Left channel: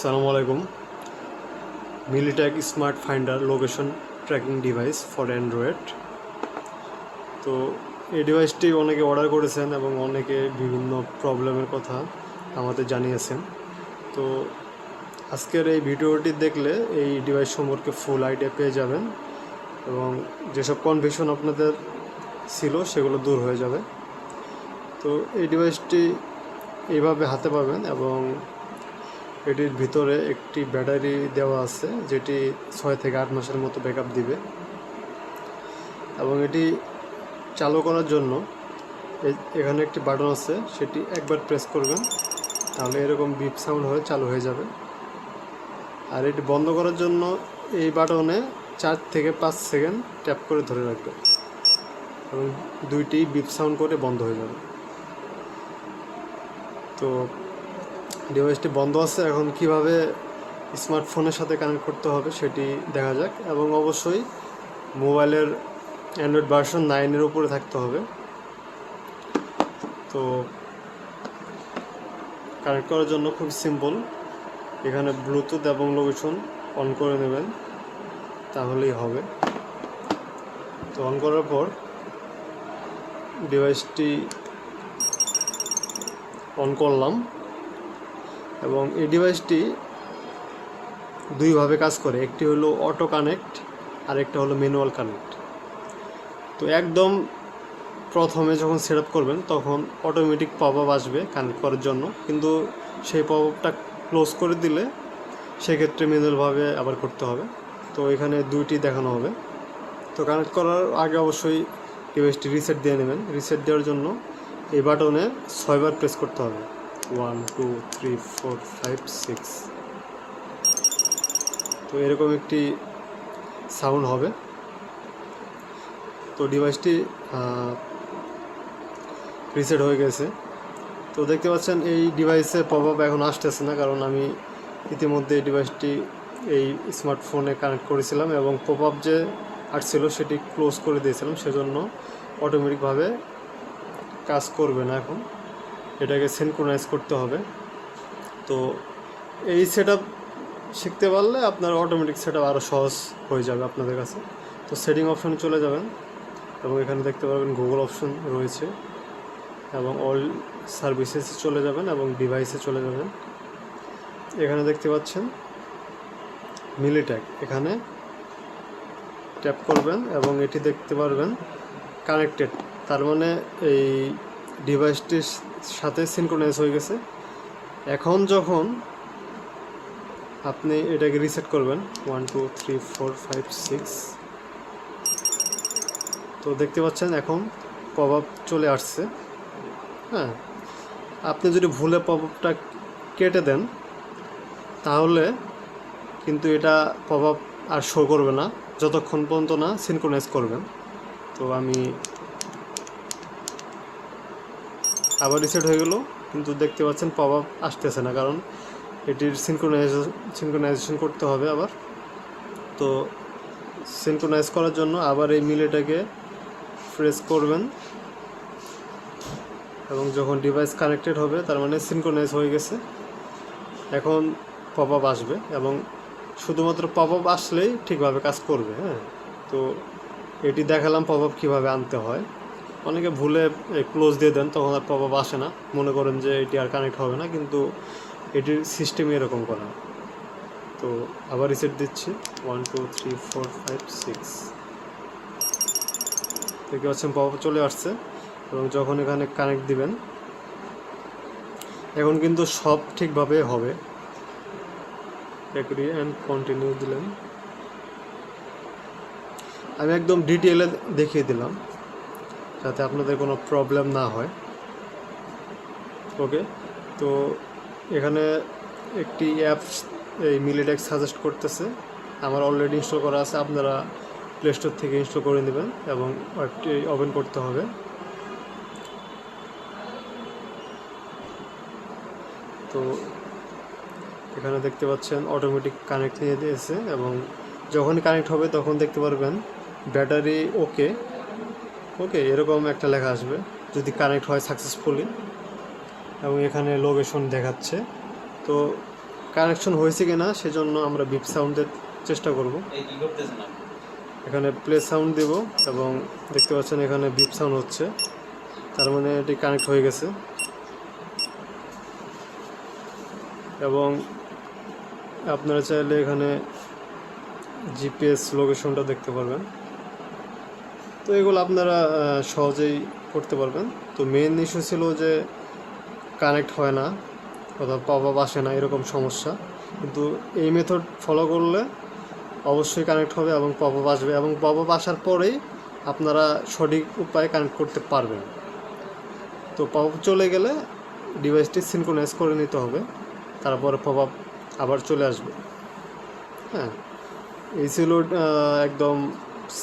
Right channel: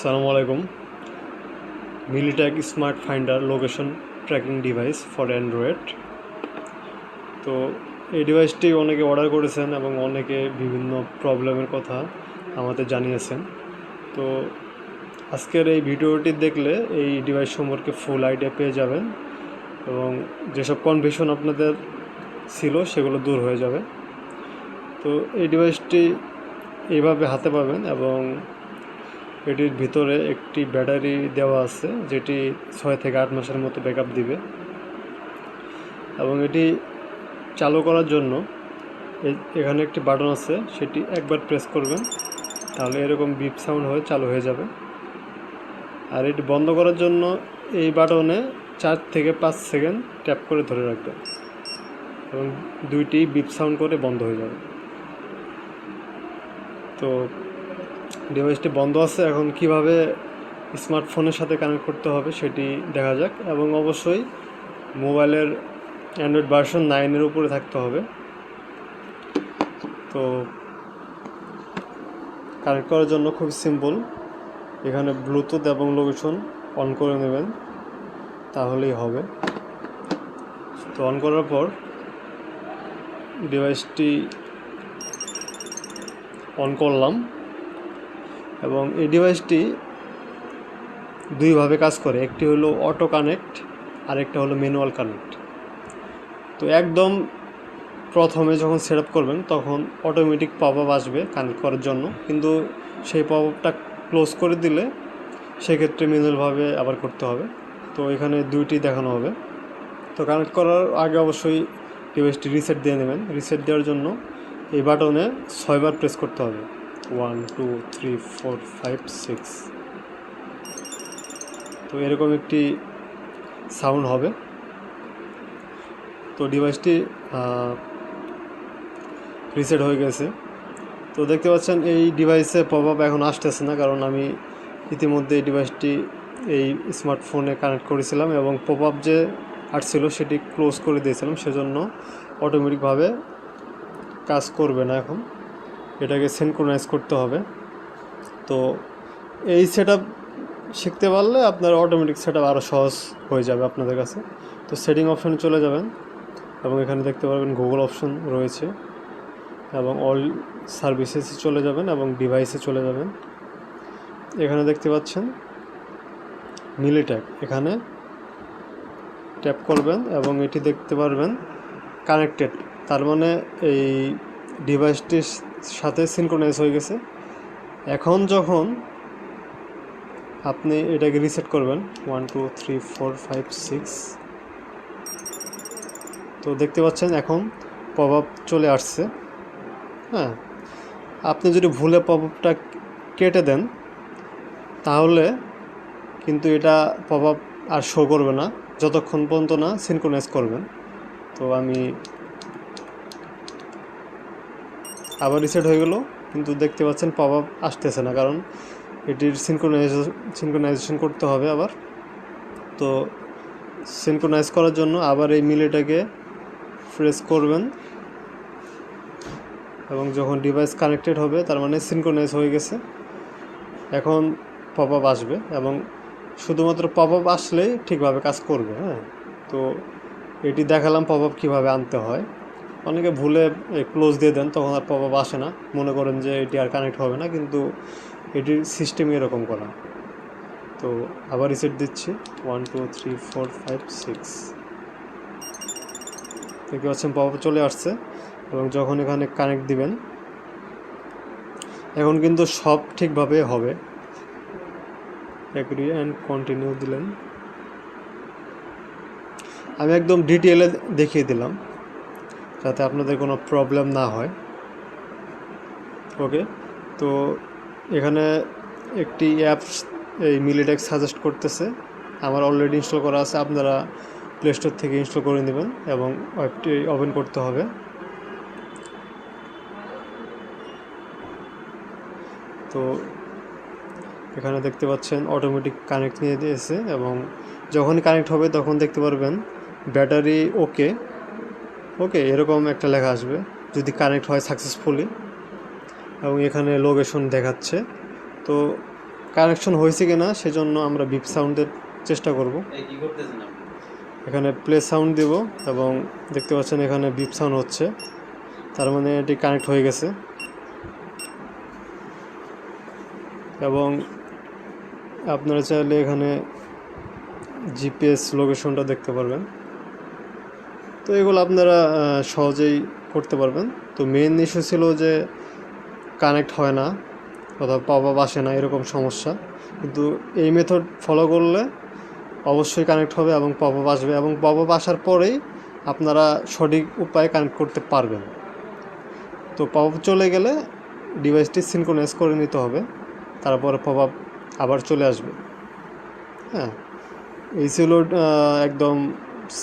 আসসালামু আলাইকুম। MiLi tag smart finder location tracking device for Android. তো এই ডিভাইসটি অনেকে অর্ডার করেছেন এবং অনেকে বিভিন্ন প্রবলেমের কথা আমাদের জানিয়েছেন। তো আজকের এই ভিডিওটি দেখলে এই ডিভাইস সম্পর্কে ফুল আইডিয়া পেয়ে যাবেন এবং যেসব কনফিউশন আপনাদের ছিল সেগুলো দূর হয়ে যাবে। তো এই ডিভাইসটি এইভাবে হাতে পাবেন এবং এটির ভিতরে একটি ব্যাটারি দেওয়া আছে যেটি 6 থেকে 8 মাসের মতো ব্যাকআপ দিবে এবং এটি চালু করার জন্য এখানে একটি বাটন আছে, সেটি একবার প্রেস করবেন তাহলে এরকম বিপ সাউন্ড হয়ে চালু হয়ে যাবে। আর এটি বন্ধ করার জন্য এই বাটনে 4 থেকে 5 সেকেন্ড ট্যাপ করে ধরে রাখবেন এবং দুইটি বিপ সাউন্ড করে বন্ধ হয়ে যাবে। তো ডিভাইসটি বন্ধ আছে, এখন কিভাবে স্মার্টফোনের সাথে কানেক্ট করতে হবে সেটি দেখা যাক এবং অবশ্যই মোবাইলের অ্যান্ড্রয়েড ভার্সন 9-এর উপরে থাকতে হবে। তো কানেক্ট করার জন্য খুব সিম্পল, এখানে ব্লুটুথ এবং লোকেশন অন করে নেবেন তাহলেই হবে। তো অন করার পর ডিভাইসটি অন করলাম এবং এই ডিভাইসটি দুইভাবে কাজ করে, একটি হলো অটো কানেক্ট আর একটা হলো ম্যানুয়াল কানেক্ট। তো একদম প্রথমে যখন সেট আপ করবেন তখন অটোমেটিক পপ আপ আসবে কানেক্ট করার জন্য, কিন্তু সেই পপ আপটা ক্লোজ করে দিলে সেক্ষেত্রে ম্যানুয়ালভাবে আবার করতে হবে। তো এখানে দুইটি দেখানো হবে। তো কানেক্ট করার আগে অবশ্যই ডিভাইসটি রিসেট দিয়ে নেবেন। রিসেট দেওয়ার জন্য এই বাটনে 6 বার প্রেস করতে হবে, 1 2 3 4 5 6। তো এরকম একটি সাউন্ড হবে। তো ডিভাইসটি রিসেট হয়ে গেছে। তো দেখতে পাচ্ছেন এই ডিভাইসে পপ আপ এখন আসতেছে না, কারণ আমি ইতিমধ্যে এই ডিভাইসটি এই স্মার্টফোনে কানেক্ট করেছিলাম এবং পপ আপ যে আসছিল সেটি ক্লোজ করে দিয়েছিলাম, সেজন্য অটোমেটিকভাবে কাজ করবে না। এখন এটাকে সিনক্রোনাইজ করতে হবে। তো এই সেট আপ শিখতে পারলে আপনার অটোমেটিক সেট আপ আরও সহজ হয়ে যাবে আপনাদের কাছে। তো সেটিং অপশানে চলে যাবেন এবং এখানে দেখতে পারবেন গুগল অপশন রয়েছে এবং অল সার্ভিসেসে চলে যাবেন এবং ডিভাইসে চলে যাবেন। এখানে দেখতে পাচ্ছেন মিলিট্যাগ, এখানে ট্যাপ করবেন এবং এটি দেখতে পারবেন কানেক্টেড, তার মানে এই ডিভাইসটির সাথে সিনক্রোনাইজ হয়ে গেছে। এখন যখন আপনি এটাকে রিসেট করবেন 1 2 3 4 5 6, তো দেখতে পাচ্ছেন এখন পপ আপ চলে আসছে। হ্যাঁ, আপনি যদি ভুলে পপ আপটা কেটে দেন তাহলে কিন্তু এটা পপ আপ আর শো করবে না যতক্ষণ পর্যন্ত না সিনক্রোনাইজ করবেন। তো আমি আবার রিসেট হয়ে গেল, কিন্তু দেখতে পাচ্ছেন পপ আপ আসতেছে না, কারণ এটির সিনক্রোনাইজেশন করতে হবে আবার। তো সিনক্রোনাইজ করার জন্য আবার এই মিলিটাকে প্রেস করবেন এবং যখন ডিভাইস কানেক্টেড হবে তার মানে সিনক্রোনাইজ হয়ে গেছে, এখন পপ আপ আসবে এবং শুধুমাত্র পপ আপ আসলেই ঠিকভাবে কাজ করবে। হ্যাঁ, তো এটি দেখালাম পপ আপ কীভাবে আনতে হয়। অনেকে ভুলে ক্লোজ দিয়ে দেন, তখন আর পপ আপ আসে না, মনে করেন যে এটি আর কানেক্ট হবে না, কিন্তু এটির সিস্টেমই এরকম করা। তো আবার রিসেট দিচ্ছি 1 2 3 4 5 6। দেখতে পাচ্ছেন পপ আপ চলে আসছে এবং যখন এখানে কানেক্ট দিবেন এখন কিন্তু সব ঠিকভাবে হবে। এগ্রি অ্যান্ড কন্টিনিউ দিলেন। আমি একদম ডিটেইলে দেখিয়ে দিলাম যাতে আপনাদের কোনো প্রবলেম না হয়। ওকে, তো এখানে একটি অ্যাপস এই মিলিট্যাগ সাজেস্ট করতেছে, আমার অলরেডি ইনস্টল করা আছে, আপনারা প্লে স্টোর থেকে ইনস্টল করে নেবেন এবং ওয়েবটি ওপেন করতে হবে। তো এখানে দেখতে পাচ্ছেন অটোমেটিক কানেক্ট নিয়ে দিয়েছে এবং যখনই কানেক্ট হবে তখন দেখতে পারবেন ব্যাটারি ওকে ওকে এরকম একটা লেখা আসবে যদি কানেক্ট হয় সাকসেসফুলি, এবং এখানে লোকেশন দেখাচ্ছে। তো কানেকশন হয়েছে কিনা সেজন্য আমরা বিপ সাউন্ডের চেষ্টা করব। কি করতেছেন আপনি? এখানে প্লে সাউন্ড দিব এবং দেখতে পাচ্ছেন এখানে বিপ সাউন্ড হচ্ছে, তার মানে এটি কানেক্ট হয়ে গেছে। এবং আপনারা চাইলে এখানে জিপিএস লোকেশনটা দেখতে পারবেন। তো এগুলো আপনারা সহজেই করতে পারবেন। তো মেইন ইস্যু ছিল যে কানেক্ট হয় না, কোথাও পপ আপ আসে না, এরকম সমস্যা। কিন্তু এই মেথড ফলো করলে অবশ্যই কানেক্ট হবে এবং পপ আপ আসবে, এবং পপ আপ আসার পরেই আপনারা সঠিক উপায়ে কানেক্ট করতে পারবেন। তো পপ আপ চলে গেলে ডিভাইসটি সিনক্রোনাইজ করে নিতে হবে, তারপরে পপ আপ আবার চলে আসবে। হ্যাঁ, এই ছিল একদম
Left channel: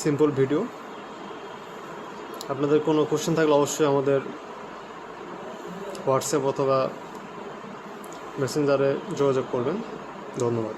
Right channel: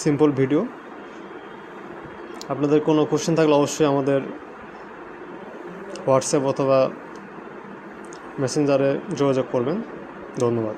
সিম্পল ভিডিও। আপনাদের কোনো কোশ্চেন থাকলে অবশ্যই আমাদের হোয়াটসঅ্যাপ অথবা মেসেঞ্জারে যোগাযোগ করবেন। ধন্যবাদ।